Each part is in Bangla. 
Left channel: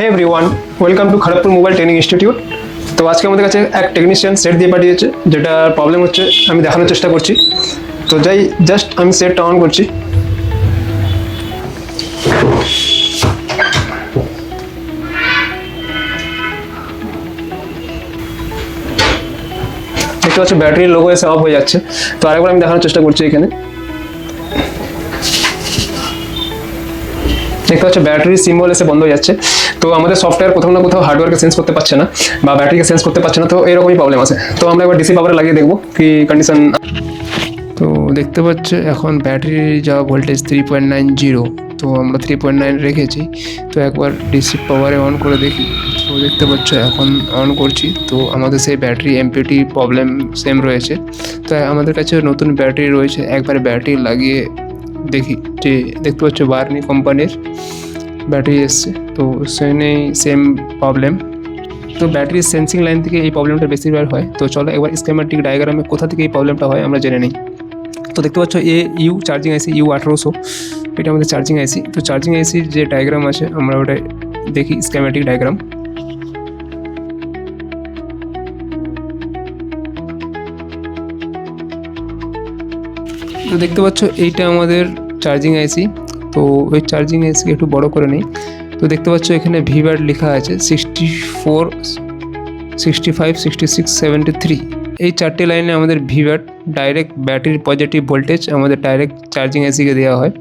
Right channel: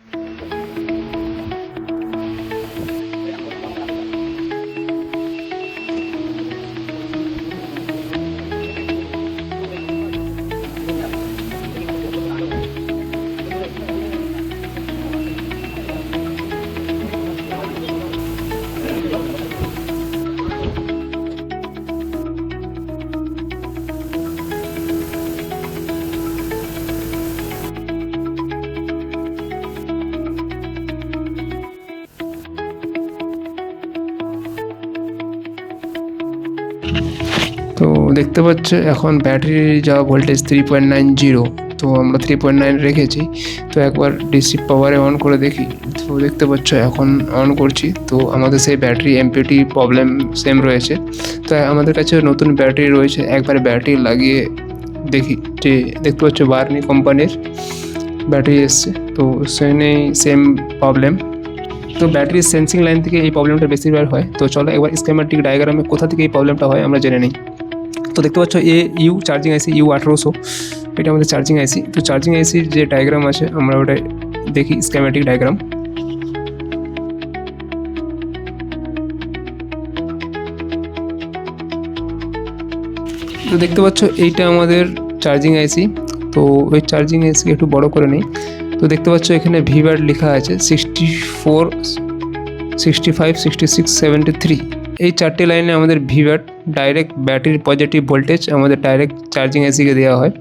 Hey everyone, welcome to Kharagpur mobile training institute. তো আজকে আমাদের কাছে এক টেকনিশিয়ান সেট দিয়ে পাঠিয়েছে, যেটা প্রবলেম হচ্ছে আমি দেখানোর চেষ্টা করছি। তো জাস্ট আমি সেটটা অন করছি। দেখতে পাচ্ছি ব্যাটারির লোগো এসে অফ হয়ে যাচ্ছে। তো আরেকবার আমি দেখানোর চেষ্টা করছি। এখানে দেখতে পাচ্ছি ব্যাটারির সিম্বল এসে বন্ধ হয়ে যাচ্ছে। তো আমাদের সফটওয়্যার কোথাও না কোথাও হার্ডওয়্যারকে সেন্স করতে পারছে না বা ব্যাটারিকে সেন্স করতে পারছে না। তো এরকমই প্রবলেম আছে। তো আমরা একবার ডিসি পাওয়ারে লাগিয়ে দেখবো কি কন্ডিশন। তো দেখতে পাচ্ছ এখন ব্যাটারি যা ভোল্টেজ 3.90, তো আমরা 3.9 রেখেছি। তো একবার ডিসি পাওয়ারে অন করে দেখি। তো দেখতে পাচ্ছ এখন অন করছি, তো আমাদের সেই ব্যাটারি এমপিটি প্রবলেম সেম রয়েছে। তো আমাদের কাছে নতুন ব্যাটারি রয়েছে, একবার ব্যাটারি লাগিয়ে দেখি। যে দেখতে পাচ্ছ বার্নি কোম্পানির ব্যাটারি এসছে, তো সেম প্রবলেম। তো ব্যাটারির সেন্সিং লাইন থেকে এই প্রবলেমটা বেশিরভাগ হয়। তো চলো একবার স্কেমেটিক ডায়াগ্রামে কোথা থেকে এই প্রবলেমটা হয় আমরা জেনে নিই। তো দেখতে পাচ্ছ ইউ চার্জিং আইসি U1800, এটা আমাদের চার্জিং আইসি। তো চার্জিং আইসির যে ডায়াগ্রাম আছে আমরা ওটা দেখি, স্কেমেটিক ডায়াগ্রাম। তো দেখতে পাচ্ছ এইটা আমাদের চার্জিং আইসি। তো ওই চার্জিং আইসি একটু বড় করে নিই। তো দেখতে পাচ্ছ এখানে ভিব্যাট লেখা আছে 64, 65, 66, 73। এই চারটে লাইনে আমাদের ভিব্যাট ডাইরেক্ট ব্যাটারির পজিটিভ ভোল্টেজ আমাদের ডাইরেক্ট চার্জিং এসিকে দেওয়া হয়।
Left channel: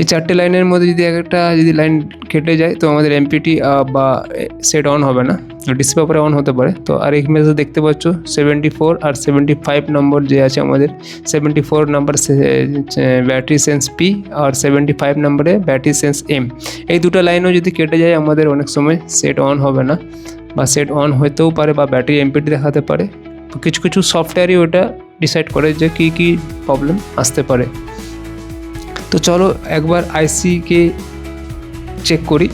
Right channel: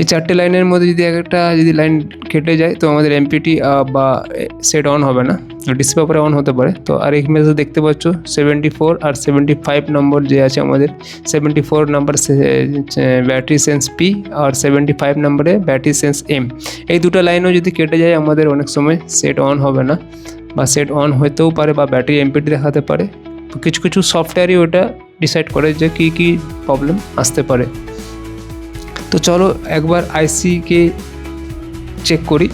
এই চারটে লাইনের মধ্যে যদি লাইন কেটে যায় তো আমাদের এমপিটি বা সেট অন হবে না, ডিসি পাওয়ারে অন হতে পারে। তো আর এখানে দেখতে পাচ্ছ 74 আর 75 নম্বর যে আছে আমাদের, 74 নম্বর ব্যাটারি সেন্স পি আর 75 নম্বরে ব্যাটারি সেন্স এম। এই দুটো লাইনও যদি কেটে যায় আমাদের অনেক সময় সেট অন হবে না, বা সেট অন হতেও পারে বা ব্যাটারি এমপিটি দেখাতে পারে। তো কিছু কিছু সফটওয়্যারই ওটা ডিসাইড করে যে কী প্রবলেম আসতে পারে। তো চলো একবার আইসিকে চেক করি।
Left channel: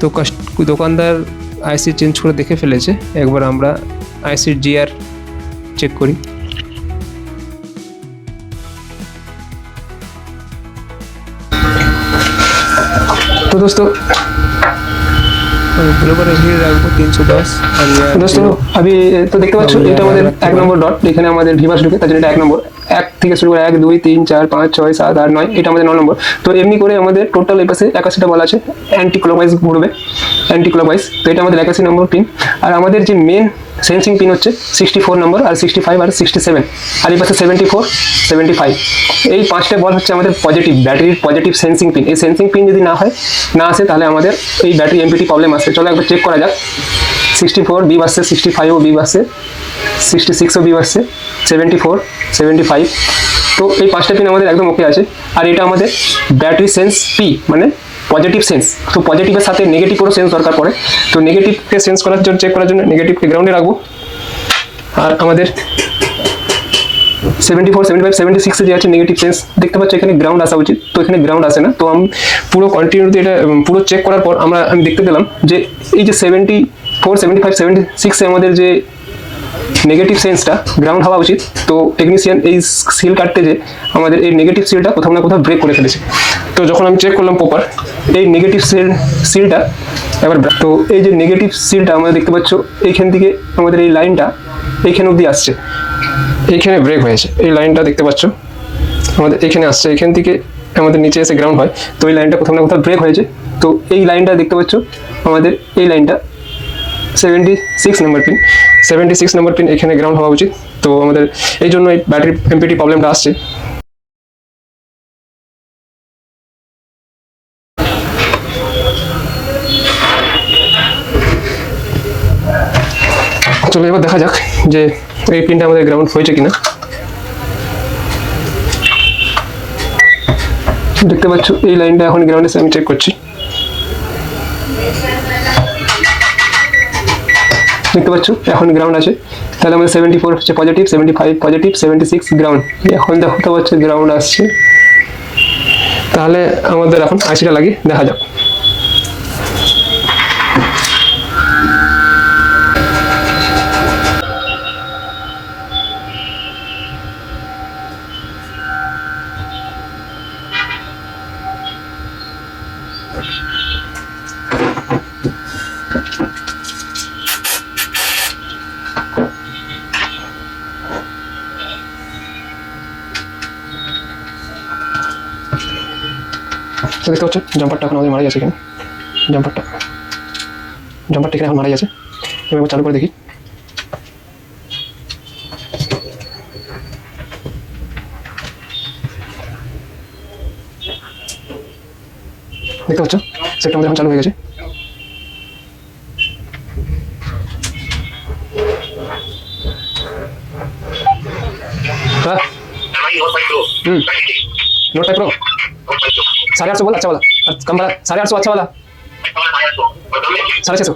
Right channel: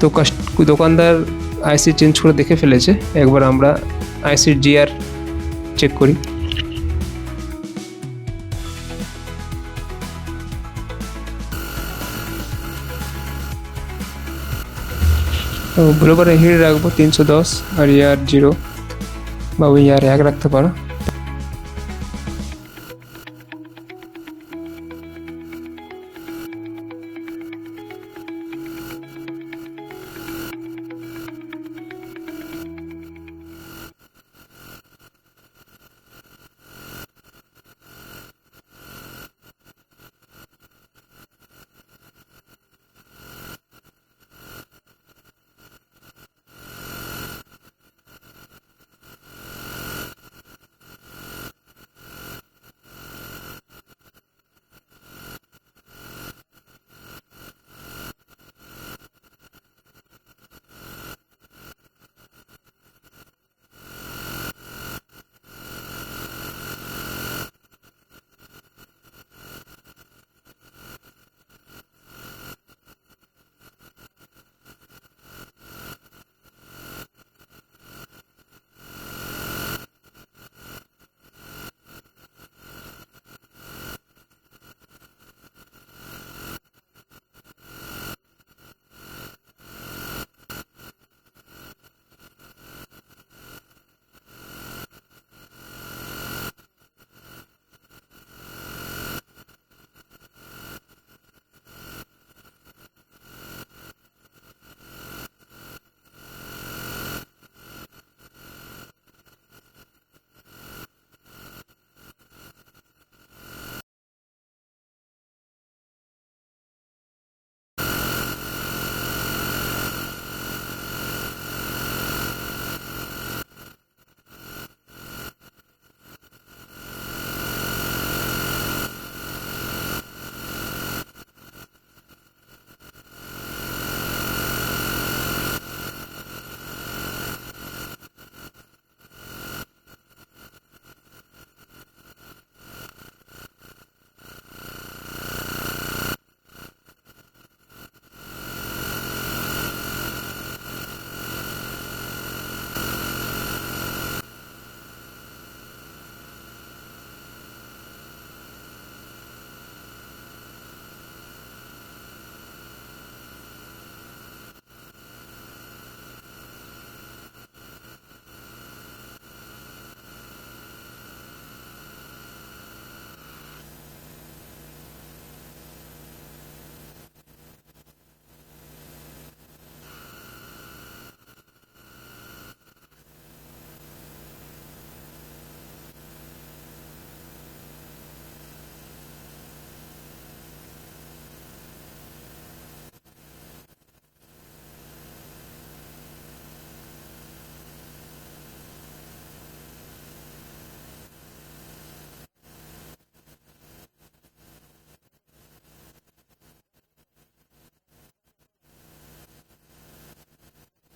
তো দোকানদার আইসি চেঞ্জ করে দেখে ফেলেছে, একবার আমরা আইসির জিআর চেক করি। তো দোস্তো বরাबर হিট রাখবো 310 আর ইয়ার 0। अभी तो देखते পাচ্ছ এটা আমাদের এক নম্বর ডট, এখানে আমাদের ভিভাস ঢুকে, তার জন্য এটা এক নম্বর। এক থেকে শুরু করে 1 2 3 4 5 6 7 8 9, এটা আমাদের 9 নম্বর। তো এমনি করে আমাদের টোটাল এই পাশে 81টা বলা আছে, অ্যান্টি ক্লকওয়াইজ ঘুরবে, অ্যান্টি ক্লকওয়াইজ। তো এটা আমাদের 81 নম্বর পিন। আর আমাদের যে মেন সেন্সিং পিন হচ্ছে 64 নম্বর আর 65 আর 67, আর এই পাশে 74 75। এই পাঁচটা বল হচ্ছে আমাদের পজিটিভ ব্যাটারির পজিটিভ সেন্সিং পিন। এই সেন্সিং পিন যদি না আসে তাহলে আমাদের এই ব্যাটারি এমপিটি প্রবলেম আসে। চলো একবার চেক করা যাক। 64 বি আসছে, 65ও বি আসছে, 66ও বি আসছে, 74 75। তো এই পাঁচটা পিন আমাদের একদম ওকে আছে। আর এটা আমাদের ব্যাটারি সেন্স পি, মানে পজিটিভ সেন্স। তো পজিটিভের সাথে নেগেটিভেরও সেন্স দরকার পড়ে। তো নেগেটিভকে সেন্স করার জন্য, চেক করার জন্য নেগেটিভকে গ্রাউন্ডে রাখবো। আর আমাদের 74 75 76 যে আছে নেগেটিভ সেন্স, দেখতে পাচ্ছ এখানে গ্রাউন্ড আসা উচিত, তো এখানে গ্রাউন্ড আসে না। তো আমি পুরো কন্টিনিউটি এটা পুরো চেক করার পর আমি দেখতে পেলাম যে এই যে 74 75 76 এ আমাদের যে নেগেটিভ সেন্সটা গ্রাউন্ড হওয়া উচিত। তো টেকনিশিয়ান এই সিল কাটতে যে আমাদের এই নেগেটিভ সিলটা কোথাও না কোথাও ব্রেক করে ফেলেছে। তো যখন আমি চেক করলাম প্রপার এই নেগেটিভ সিলটা এবার, তো এই যে নেগেটিভ সিলটা আমরা দেখতে পাচ্ছ এইখান থেকে আমাদের এই লাইনটা এইখানে অবধি আসছে, এইখানে ব্রেক হয়েছে। এই লাইনটা দেখতে পাচ্ছ আমাদের এখানে আসছে, এখান থেকে আমাদের নিচে এসে গ্রাউন্ড হয়। তো এই লাইনটা কোথাও না কোথাও ব্রেক হয়েছে। তো এই লাইনটা দেখতে পাচ্ছ আমাদের এই লাইনটা 76 নম্বর পিন, 76 নম্বর পিন এখানে গ্রাউন্ড হওয়া উচিত। তো আমাদের এই জন্য এই ব্যাটারি এমপিটি প্রবলেমটা আসছে। চলো এবার দেখা যাক যে এই পিনটা আমাদের গ্রাউন্ড হয়েছে কিনা। দেখতে পাচ্ছ এই লাইনটা এখন গ্রাউন্ড এসে আমি চেক করছি। দেখতে পাচ্ছ এখন গ্রাউন্ড আছে। তাহলে আমাদের 74 হচ্ছে পজিটিভ, 75 পজিটিভ, 76 গ্রাউন্ড। এখন দেখতে পাচ্ছ গ্রাউন্ড আসছে। তাহলে আমাদের এখন আইসিটা লাগিয়ে দেখা যাক। দেখতে পাচ্ছ জাম্পারটা এখন আমাদের মারা যাচ্ছে এখানে, জাম্পারটা এখানে এখন মারা যাচ্ছে। এবার চালু করে দেখি। দেখতে পাচ্ছ সেটটা আমাদের এখন চালু হয়ে গেছে। হ্যাঁ नोट 5 प्रो 850 बोला अच्छा वाला और कम वाला 850 अच्छा वाला 650